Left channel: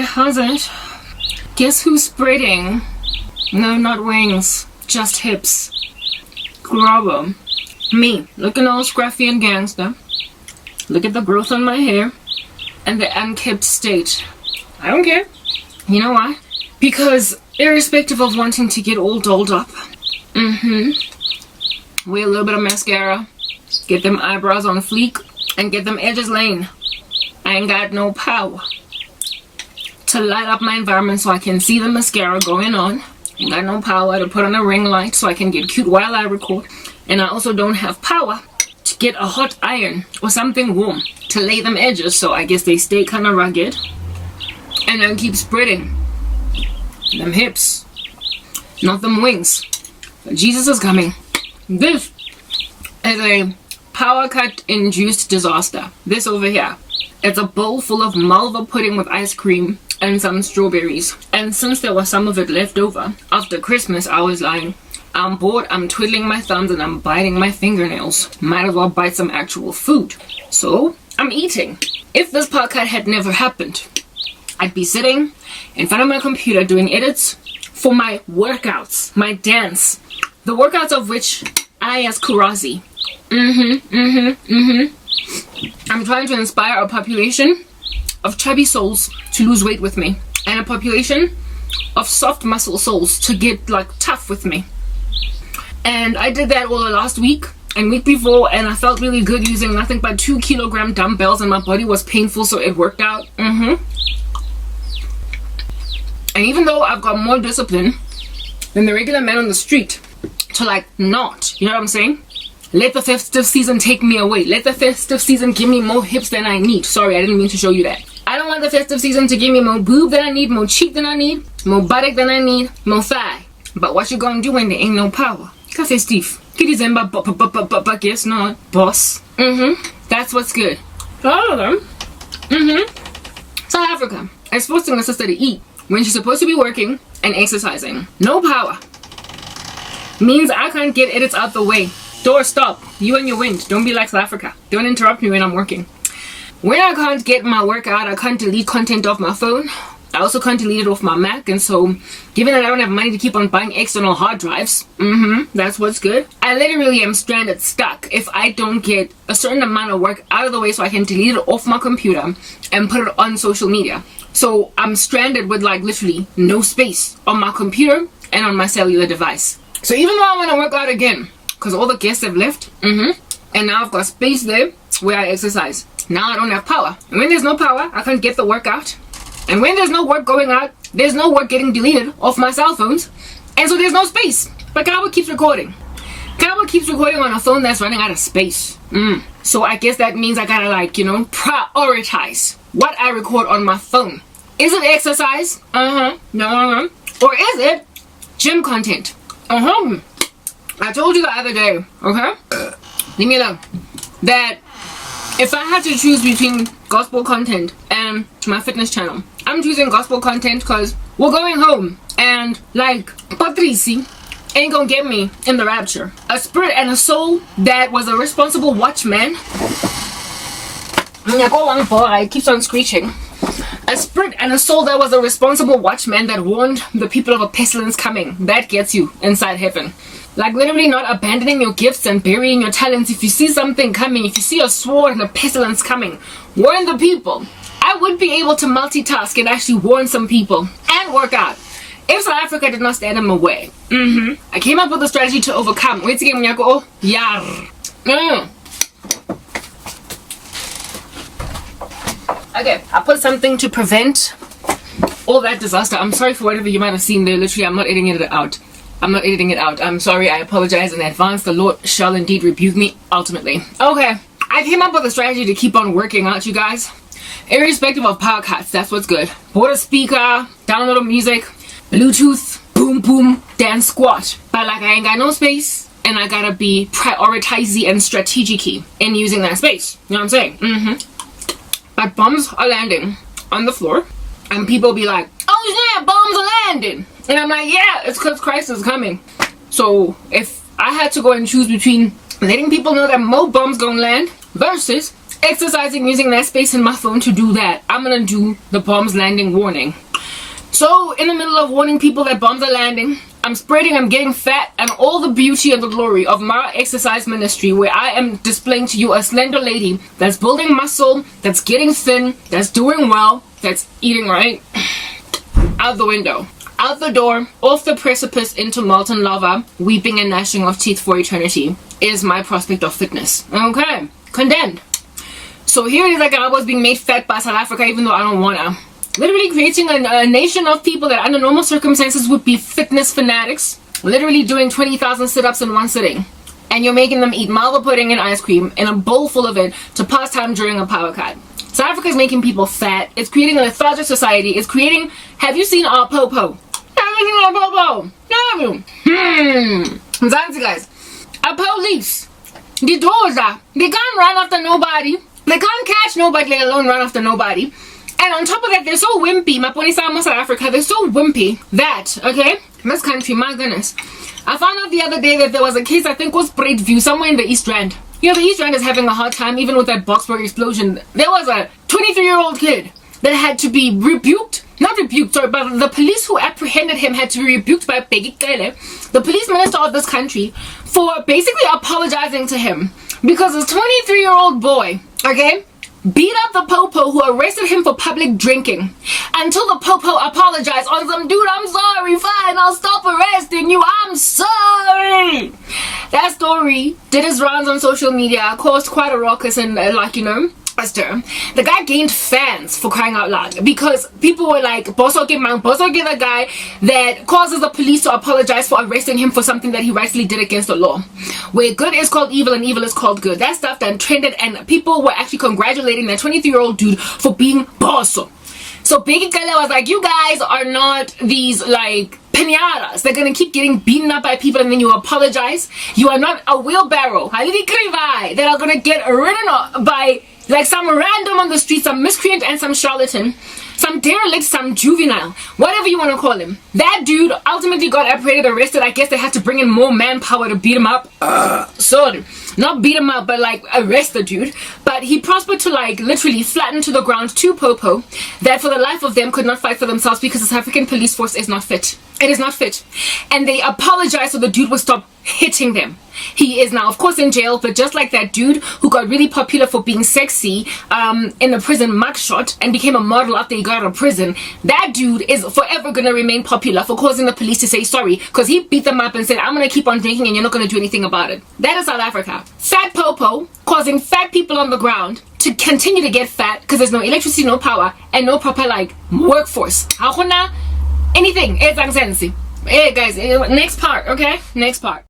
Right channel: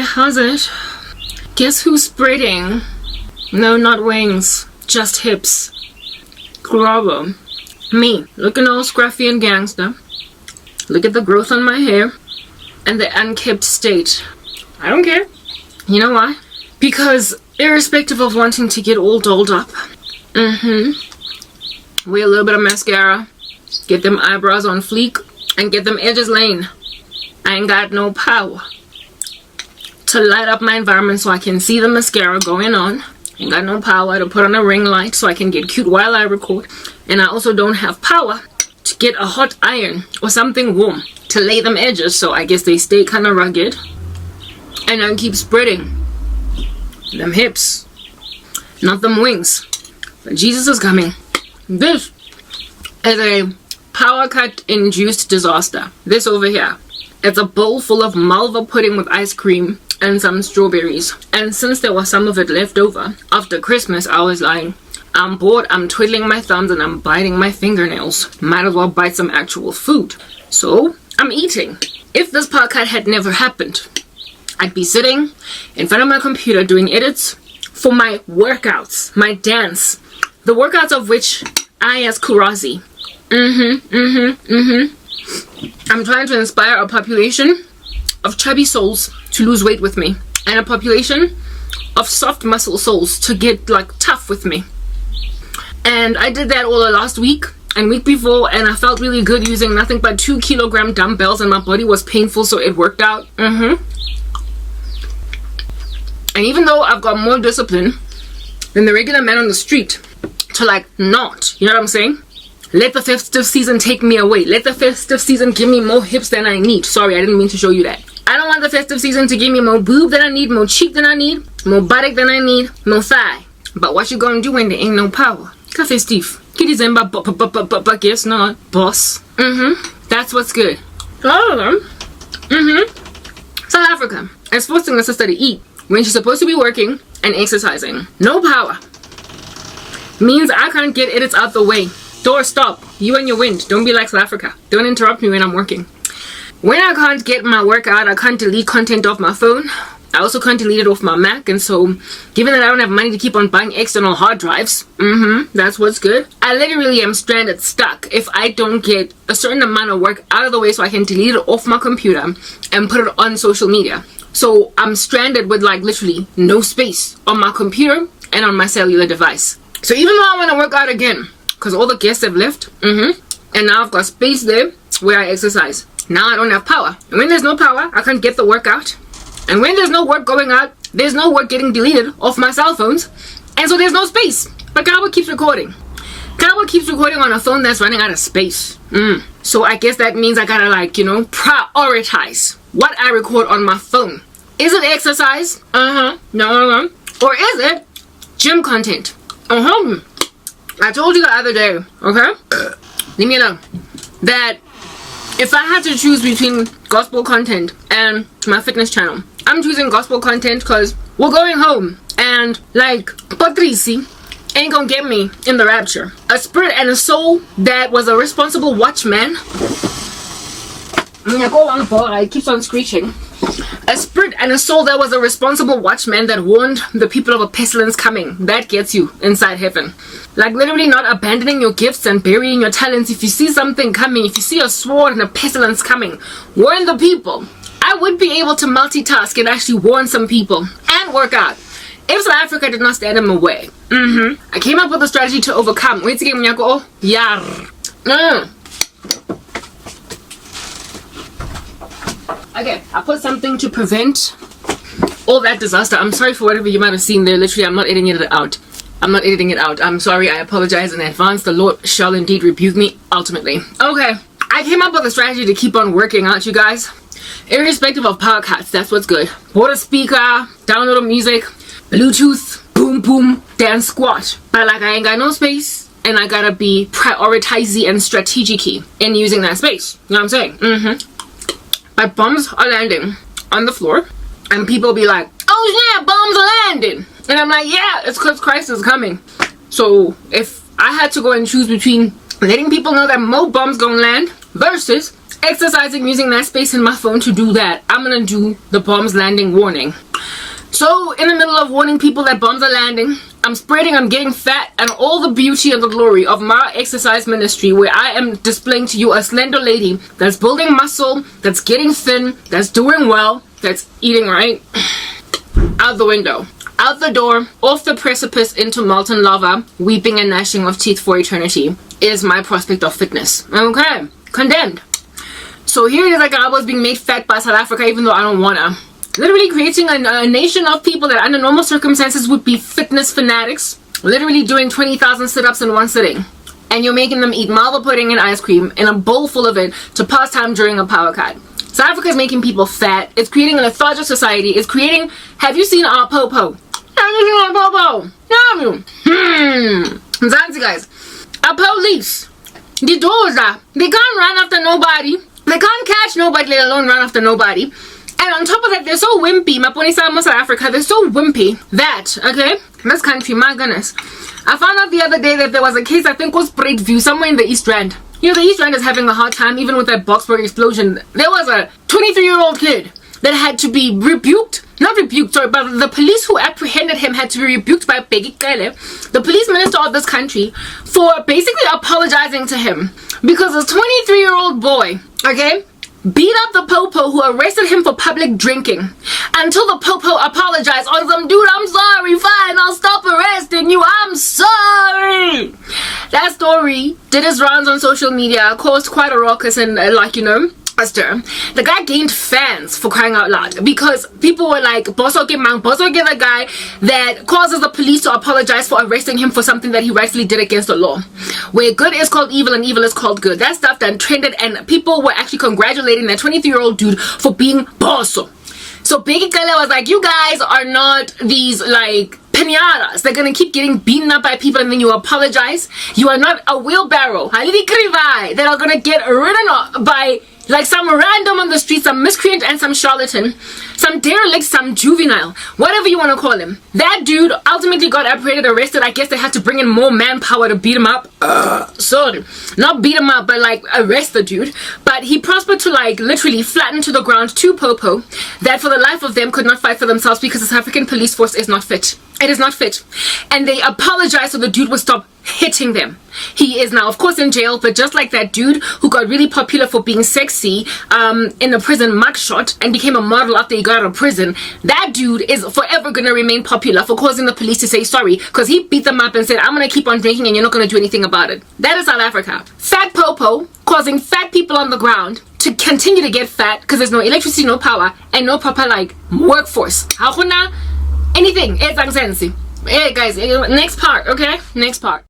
Hey, how's it? Guess who's spreading? No, not wings, just hips. Grubber. Me, looking all scruffy and gangster. Look at the growth on my hair and the unkept state. I don't care. You know why? Because irrespective of wanting to get all dolled up, wear a little bit of mascara, get them eyebrows on fleek, and get them edges laying. I ain't got no power to light up my environment so I can see the mascara going on. Ain't got no power to put on a ring light so I can get cute while I record. And I also don't have power to get a hot iron or something warm to lay them edges, so I guess they stay kind of rugged. And I keep spreading them hips, not them wings. But Jesus is coming. This is a power cut induced disaster. This over here, it's a bowl full of Malva pudding with ice cream and some strawberries. And since there was some of it left over after Christmas, I was like, I'm bored, I'm twiddling my thumbs and I'm biting my fingernails. Might as well bite some actual food. So I'm eating. If this part cut had never happened, I'd be sitting in front of my computer doing edits for my workouts, my dance. The workouts of which I as Kurazi. I'm trying to inspire a population of chubby souls to lose weight with me. And a population of soft muscle souls to get like tough with me. And I did that all the last week and week before, and I felt really good using nothing but 2 kilogram dumbbells, and my body was painful, so it worked out. And even though I've got more discipline than the regular man on the street to like not, you know what I'm saying? Let the festive season take me away. Let the festive season give me more hips than I need. Sorry, I didn't mean to show you that. I don't want the festive season to give me more boob than I need, more cheek than I need, more buttock than I need, more thigh. But what you gonna do when there ain't no power? Cafe Steve. Kitty Zemba, but guess not, boss. That's what's good. All of them. South Africa. I'm forcing my sister to eat when she's supposed to be working and exercising. No power means I can't get edits out the way. Door, stop. You and your wind. Don't be like South Africa. Don't interrupt me when I'm working. When I can't get my work out, I can't delete content off my phone. I also can't delete it off my Mac, and so given that I don't have money to keep on buying external hard drives, that's what's good. I literally am stranded, stuck, if I don't get a certain amount of work out of the way so I can delete it off my computer and put it on social media. So I'm stranded with like literally no space on my computer and on my cellular device. So even though I want to work out again, because all the guests have left, and now I've got space there where I exercise. Now I don't have power. And when there's no power, I can't get the work out. And when there's no work going out, there's no work getting deleted off my cell phones. And so there's no space. But Kawa keeps recording. Kawa keeps recording on a phone that's running out of space. So I guess that means I gotta like, you know, prioritize what I record on my phone. Is it exercise? No. Or is it gym content? I told you the other day, okay? Leave me alone. That if I had to choose between gospel content and my fitness channel, I'm choosing gospel content because we're going home and like Patrici ain't gonna get me in the rapture. A spirit and a soul that was a responsible watchman. It keeps on screeching. A spirit and a soul that was a responsible watchman that warned the people of a pestilence coming. That gets you inside heaven. Like literally not abandoning your gifts and burying your talents. If you see something coming, if you see a sword and a pestilence coming, warn the people. I would be able to multitask and actually warn some people and work out if South Africa did not stand in my way. I came up with a strategy to overcome. Wait again, Mnyako. Yar. Okay, I put something to prevent all that disaster. I'm sorry for whatever you might have seen there. Literally, I'm not editing it out. I'm sorry. I apologize in advance. The Lord shall indeed rebuke me ultimately. Okay, I came up with a strategy to keep on working out, you guys. Irrespective of power cuts, that's what's good. Bought a speaker, download music, Bluetooth, boom boom, dance squat. But like I ain't got no space, and I gotta be prioritizing and strategic in using that space. You know what I'm saying? But bombs are landing on the floor, and people be like, oh yeah, bombs are landing. And I'm like, yeah, it's because Christ is coming. So if I had to go and choose between letting people know that more bombs gonna land versus exercising, using that space in my phone to do that, I'm gonna do the bombs landing warning. So in the middle of warning people that bombs are landing, I'm spreading, I'm getting fat, and all the beauty and the glory of my exercise ministry, where I am displaying to you a slender lady that's building muscle, that's getting thin, that's doing well, that's eating right, out the window, out the door, off the precipice into molten lava, weeping and gnashing of teeth for eternity, is my prospect of fitness. Okay, condemned. So here it is, like I was being made fat by South Africa, even though I don't wanna. Literally creating a nation of people that under normal circumstances would be fitness fanatics, literally doing 20,000 sit-ups in one sitting, and you're making them eat malva pudding and ice cream in a bowl full of it to pass time during a power cut. South Africa is making people fat. It's creating a lethargic society. It's creating, have you seen our popo? Have you seen our popo? Have you? Mzansi guys, our police, the doors they can't run after nobody. They can't catch nobody, let alone run after nobody. And on top of that, they're so wimpy. Maponisa South Africa, they're so wimpy that, okay, this country, my goodness. I found out the other day that there was a case, I think was View, somewhere in the East Rand. You know, the East Rand is having a hard time, even with that Boksburg explosion. There was a 23-year-old kid that had to be rebuked. Not rebuked, sorry, but the police who apprehended him had to be rebuked by Bheki Cele, the police minister of this country, for basically apologizing to him. Because this 23-year-old boy, okay, beat up the popo who arrested him for public drinking until the popo apologized on some, dude, I'm sorry, fine, I'll stop arresting you, I'm sorry. That story did its rounds on social media, caused quite a ruckus and the guy gained fans, for crying out loud, because people were like, Boso get the guy that causes the police to apologize for arresting him for something that he rightfully did against the law. Where good is called evil and evil is called good. That stuff then trended, and people were actually congratulating that 23-year-old dude for being Boso. So Bheki Cele was like, you guys are not these like pinatas. They're gonna keep getting beaten up by people and then you apologize. You are not a wheelbarrow that are gonna get ridden off by like some random on the street, some miscreant and some charlatan, some derelict, some juvenile, whatever you want to call him. That dude ultimately got apprehended, arrested. I guess they had to bring in more manpower to beat him up. Sorry, not beat him up, but like arrest the dude. But he prospered to like literally flatten to the ground two popo that for the life of them could not fight for themselves because the South African police force is not fit. It is not fit. And they apologized so the dude would stop hitting them. He is now, of course, in jail, but just like that dude who got really popular for being sexy in a prison mugshot and became a model after he got out of prison, that dude is forever going to remain popular for causing the police to say sorry because he beat them up and said, I'm going to keep on drinking and you're not going to do anything about it. That is South Africa. Fat popo causing fat people on the ground to continue to get fat because there's no electricity, no power, and no proper like workforce. Anything. Hey guys, next part, okay? Next part.